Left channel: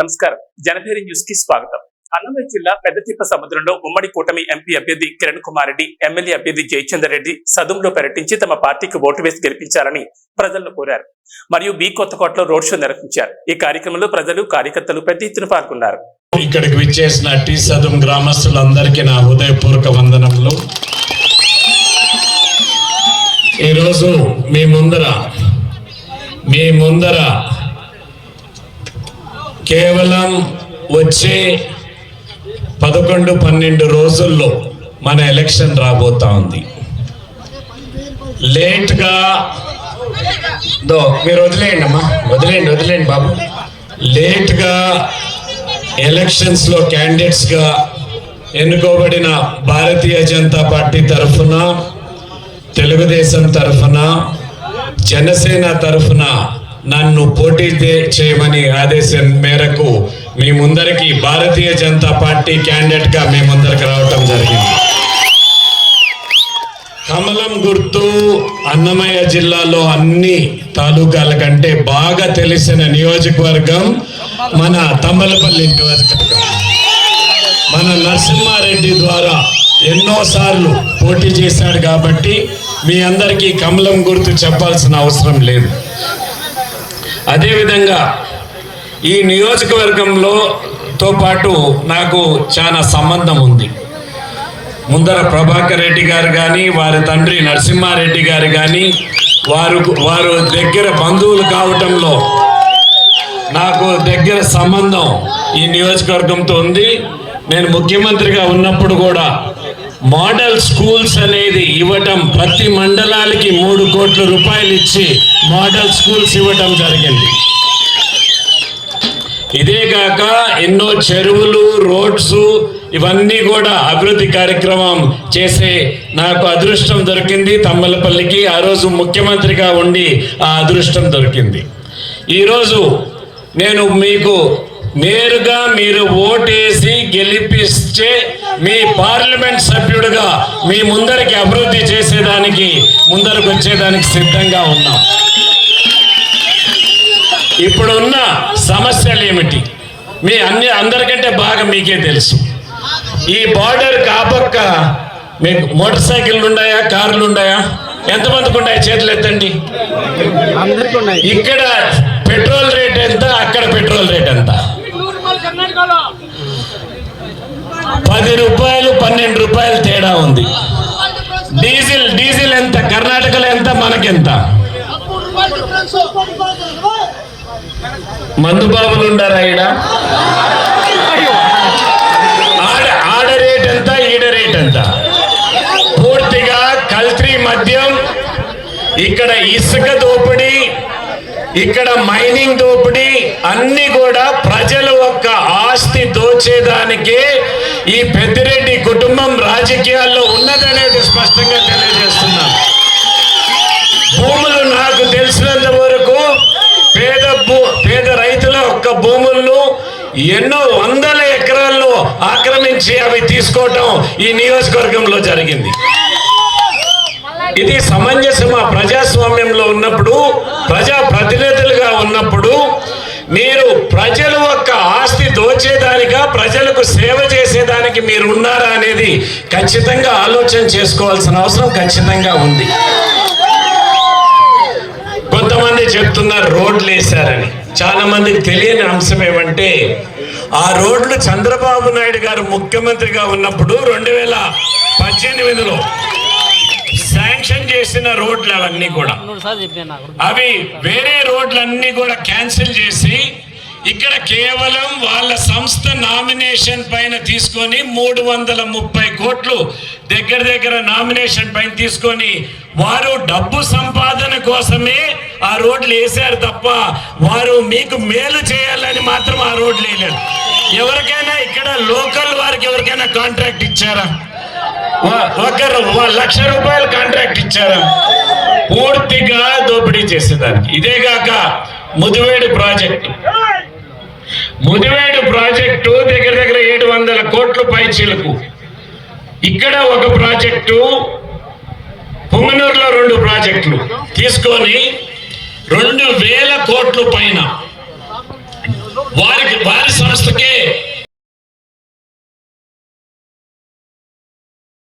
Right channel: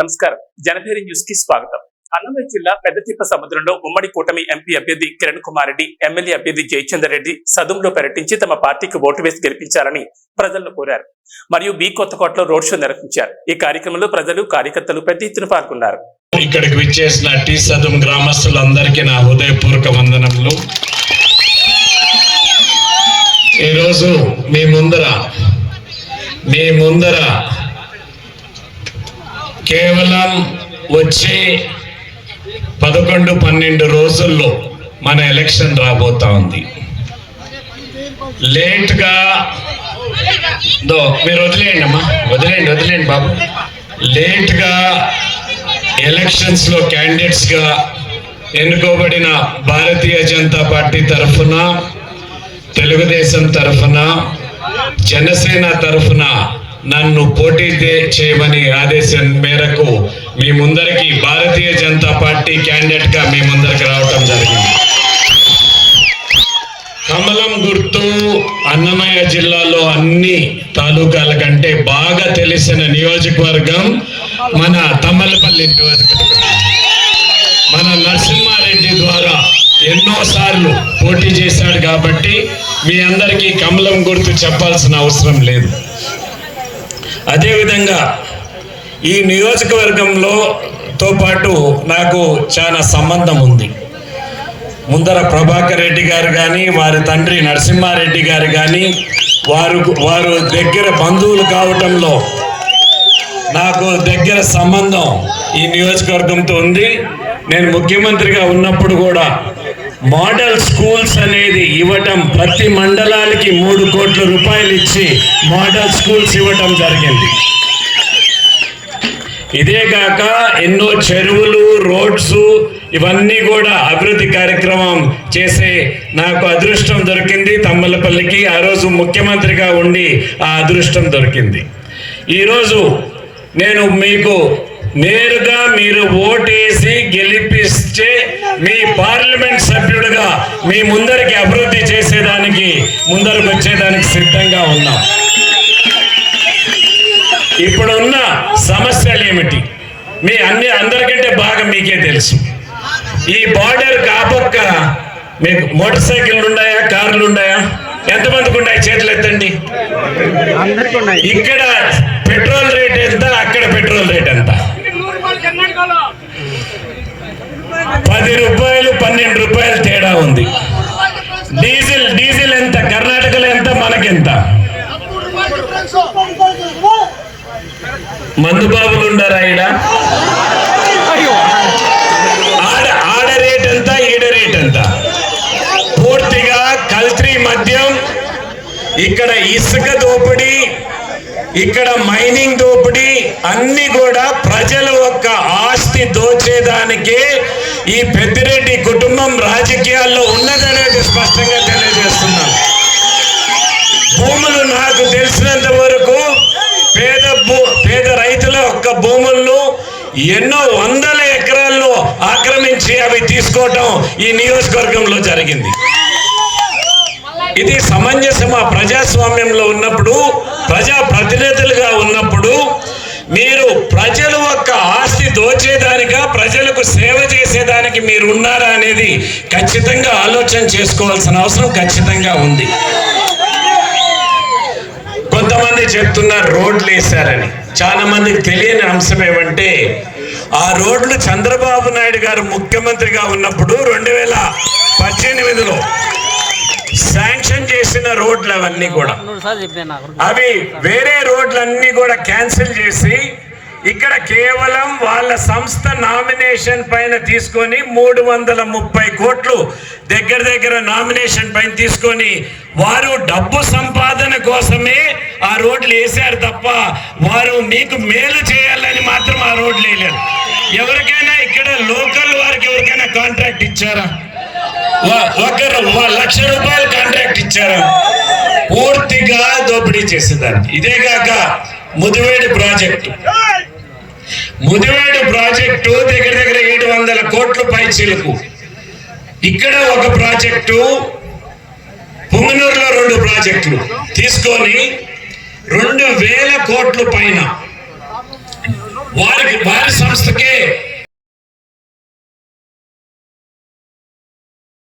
నమస్కారం. జనభేరి న్యూస్కి స్వాగతం. అన్నమయ్య జిల్లా పెద్దతిప్ప సముద్రంలో ఉమ్మడి కూటమి ఎంపీ అభ్యర్థి కిరణ్ కుమార్ రెడ్డి ఎమ్మెల్యే అభ్యర్థి జయచందర్ రెడ్డి సదుంలో పర్యటించి తమ పార్టీకి ఓటు వేసి గెలిపించాలని ప్రజలను కోరారు. మరియు బి కొత్తకోటలో రోడ్ షో నిర్వహించారు. ఈ కార్యక్రమంలో ప్రజలు కార్యకర్తలు పెద్ద ఎత్తున పాల్గొన్నారు. ఇక్కడికి విచ్చేసిన టీ సదుం గ్రామస్తులందరికీ నా హృదయపూర్వక వందనములు. ఈరోజు మీ ముందర మీ ముందర కేవలం వచ్చే పదకొండు పన్నెండు రోజుల్లో మన ఎలక్షన్ రాబోతా ఉంది. లేట్గా దో మీరు వదిలేయండి అమ్మా. వదిలేయండి వదిలేయండి బాబు. లేట్గా ఎలక్షన్స్లో క్యాండిడేట్స్గా ఎన్నుకోబడిన భారతీయ జనతా పార్టీ తరఫున తెలుగుదేశం తరఫున జనసేన తరఫున నన్ను పోటీ చేయమని ఆదేశం మేరకు మీ ముందరికి భారతీయ జనతా పార్టీ క్యాండిడేట్గా మీ ముందరికి రావటం జరిగింది. కమలం గుర్తు అన్నమయ్య జిల్లాలో అన్ని తాలూకాల కంటే బాగా తెలిసిన నియోజకవర్గం మన తమ్మలపల్లి నియోజకవర్గం. మన నరసింహారెడ్డి ద్వారా ఎన్నో సార్లు పోటీ చేశాడు కాబట్టి మీ అందరికీ కమలం గుర్తు చెప్పాల్సిన అవసరం లేదు. అదేవిధంగా ఈ నియోజకవర్గంలో తో పాటు నాకు చాలా సంబంధం ఉంది. ముందర ప్రభాకర్ రెడ్డి గారు కానీ వారి తండ్రి నరసింహారెడ్డి గారు కానీ వారు వారు దగ్గర బంధువులు కావటంలో నాకు దగ్గర సంబంధం ఈ నియోజకవర్గంతో ఉంది. నేను ముఖ్యమంత్రిగా ఉన్నప్పుడు కూడా మోడల్ స్కూల్స్ అనేది ఇవ్వటం ప్రతి మండలానికి మూడు కోట్ల రూపాయలు ఇచ్చి మోడల్ స్కూల్స్ ఇవ్వటం జరిగింది. ఇదే కాక ఎన్నో చెరువులు రోడ్స్ ఇవన్నీ కూడా అభివృద్ధి కార్యక్రమం చేసే నాకు అదృష్టం దొరికింది. తమ్మలపల్లికి ఆ రోజు ముఖ్యమంత్రిగా ఉండి ఆ అదృష్టం దొరికింది. ఈరోజు నేను మీకు నేరుగా మీరు ఓటేసి గెలిపిస్తే మీ పార్లమెంట్ సభ్యుడిగా మీ ముందరికి అభివృద్ధి చేసేదానికి ముందరకు వచ్చేదానికి సిద్ధంగా ఉన్నాం. ఇప్పుడున్న సమస్యలు ఏమిటి మీ అన్ని అందరికంటే బాగా మీకే తెలుసు. ఈ బార్డర్ కాపక్క మీకు మోటార్ సైకిళ్ళు ఉన్నాయా కార్లు ఉన్నాయా ఎంతమందికి ఉన్నాయి చేతులు ఎత్తండి? ఇక్కడ పెట్రోల్ రేట్ ఎంత అక్కడ పెట్రోల్ రేట్ ఎంత పది రూపాయలు పన్నెండు రూపాయలు తేడా ఉంది డీజిల్ డీజిల్ ఎంత? కర్ణాటకలో ఎంత? మనకెంత? మందు బాబులు ఉండారా ఈడ? ఆడ ఆడ రేట్ ఎంత? ఈడ రేట్ ఎంత? పూర్తిగా కల్తీ మద్యం ఇక్కడ ఇసుక దోపిడీ ఇక్కడ మైనింగ్ దోపిడీ అన్ని కూడా ప్రజల యొక్క ఆస్తి దోచేదానికే ఈ పెద్దిరెడ్డి కుటుంబం రాజకీయాల్లో ఉన్నదనేది స్పష్టంగా తెలియజేస్తున్నాను. భూములు నాకు తెలిసినంత వరకు పేద భూ పేద రైతుల యొక్క భూములను ఎన్నో వందల ఎకరాల్లో ఆక్రమించి అవి తీసుకోవటం ఈ నియోజకవర్గంలో జరిగింది. ఇది సమంజసమా ప్రజాస్వామ్యంలో ఉన్నప్పుడు ప్రజా ప్రతినిధులుగా ఉన్నప్పుడు మీరు ప్రజల యొక్క ఆస్తి దోచేదానిగా ప్రజలకు సేవ చేసేదానికి మీరు ఉన్నారా అనేది ఖచ్చితంగా ఆలోచన చేసుకోవాల్సిన అవసరం ఖచ్చితంగా ఉంది. కొంతమంది చెప్తున్నారు రోడ్లు వేశారని. చాలా మందికి తెలియని అంశం ఏమంటే ఆ రోడ్లు చంద్రబాబు నాయుడు గారు ముఖ్యమంత్రిగా ఉన్నప్పుడు రెండు వేల పద్దెనిమిదిలో శాంక్షన్ చేసిన రోడ్లు అవన్నీ కూడా. అవి వేరే రోడ్లన్నీ కూడా క్యాన్సిల్ చేసి ఇక్కడ కేవలం వాళ్ళ సంస్థ నామినేషన్ పైన తీసుకొని మూడు వందల ముప్పై కోట్లు దగ్గర దగ్గర నామినేషన్ పైన తీసుకొని వారు డబ్బు సంపాదన కోసమే ఆ రోడ్లు వేశారు తప్ప వారు మీకు మేలు చేయాలని మాత్రం ఆ రోడ్లు వేయలేదు. ఎవరికైనా ఇక్కడ లోకల్ వారికి ఎవరికైనా కాంట్రాక్ట్ ఇచ్చారా? ఒకరు లక్ష రూపాయలు కాంట్రాక్ట్ ఇచ్చారు? పూర్తిగా దోపిడీ చేసేదానికి. ఇదే కాక ముదివేడు ప్రాజెక్టు. ముదివేడు ప్రాజెక్టు దగ్గర దగ్గర ఏడు వందల కోట్ల పైచీలకు. ఇక్కడ ఒక ప్రాజెక్టు పుంగనూరులో రెండు ప్రాజెక్టులు. తీసుకొని రెండు వేల కోట్లు పైన వారికి వారి సంస్థకే